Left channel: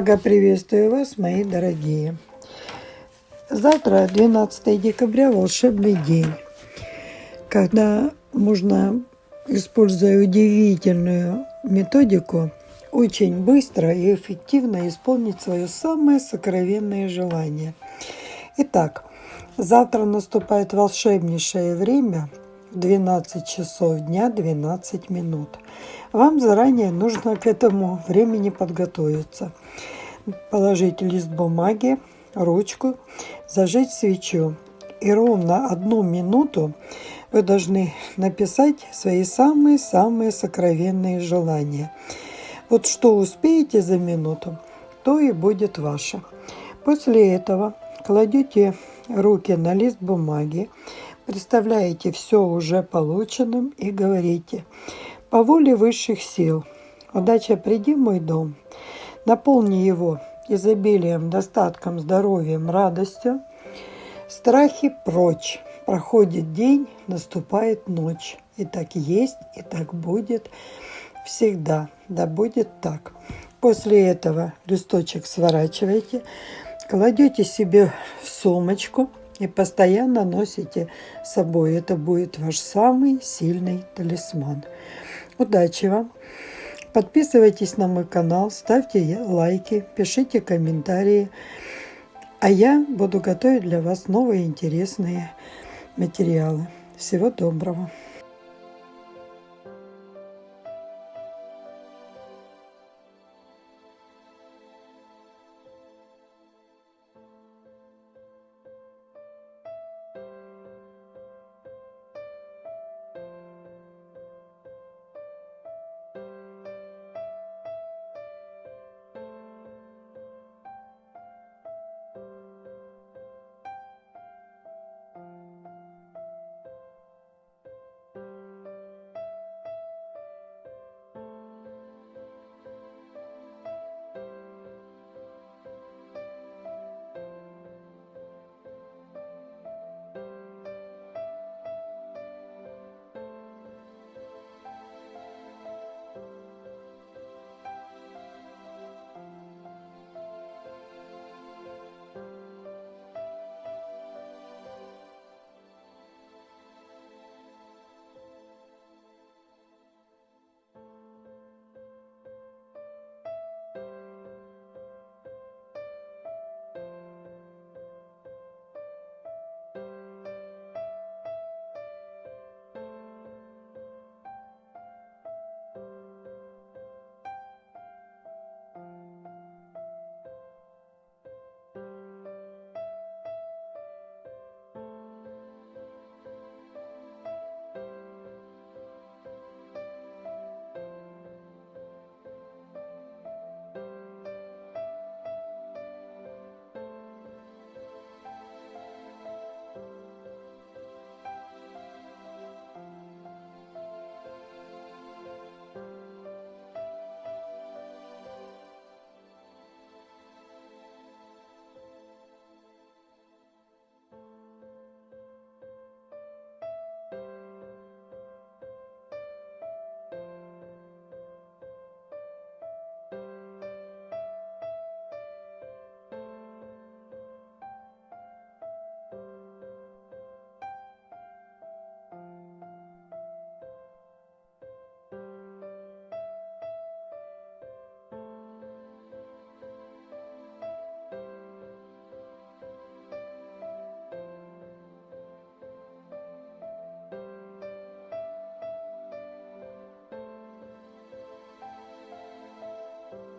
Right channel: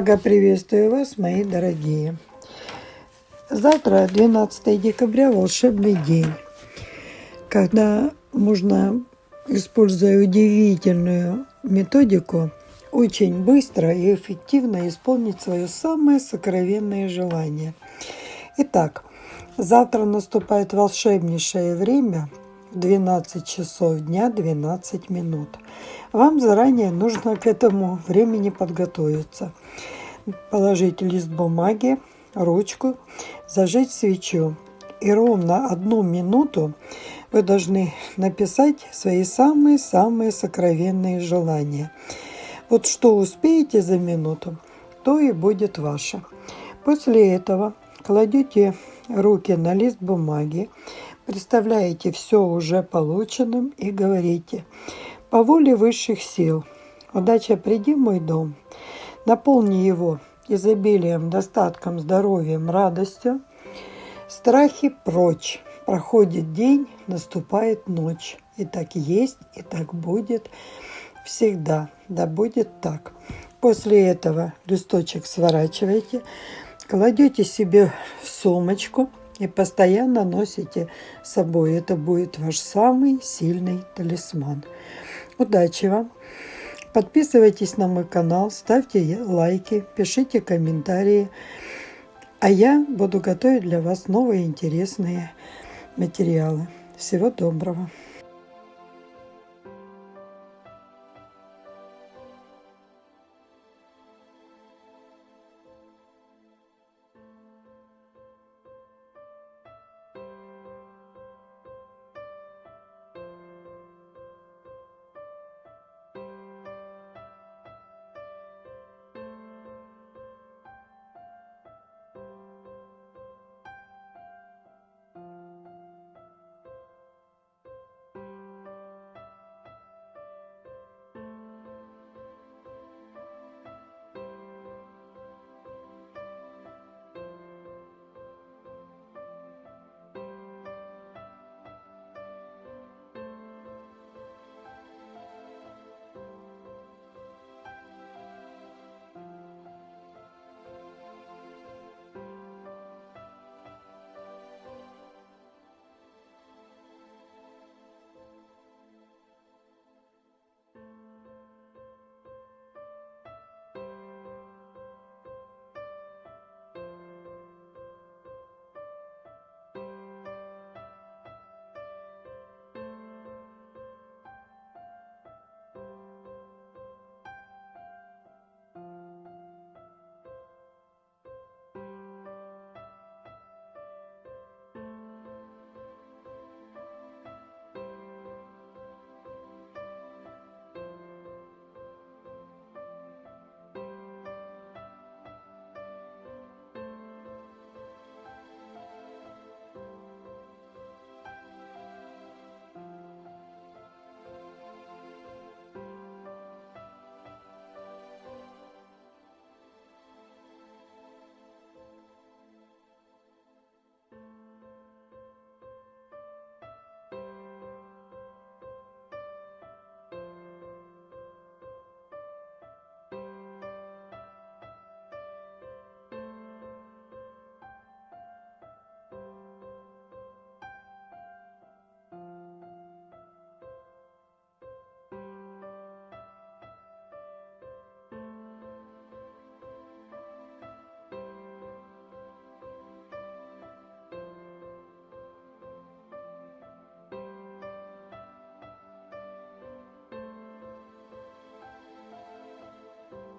Благо приветствую вас, мои дорогие. Завтра, 12 декабря, волшебный день, когда можно, используя удивительную методику, очень быстро и эффективно исполнить свое самое сокровенное желание. Итак, завтра наступает волшебнейшее время в 12 часов дня 12 минут. Вам заранее нужно к этому времени подготовиться. Положить лист бумаги, ручку, зажечь свечу. И ровно 1 минуту вы должны написать свои самые-самые сокровенные желания. Вот что успеете за минуту, то и будет ваше. После этого кладете руки на лист бумаги, представляете все уже полученным и говорите: по воле высших сил, удача, приди в мой дом, наполни его изобилием, достатком, здоровьем, радостью, страхи прочь. Проходит день, наступает ночь. И так есть, и так будет всегда. Да будет так. После этого листочек сворачиваете, кладете себе в сумочку и постоянно носите с собой. Это будет ваш самый сильный талисман. Удачи вам! Подписывайтесь на мой канал, ставьте лайки, пишите комментарии. А я буду готовить для вас новые интересные материалы. Всего доброго!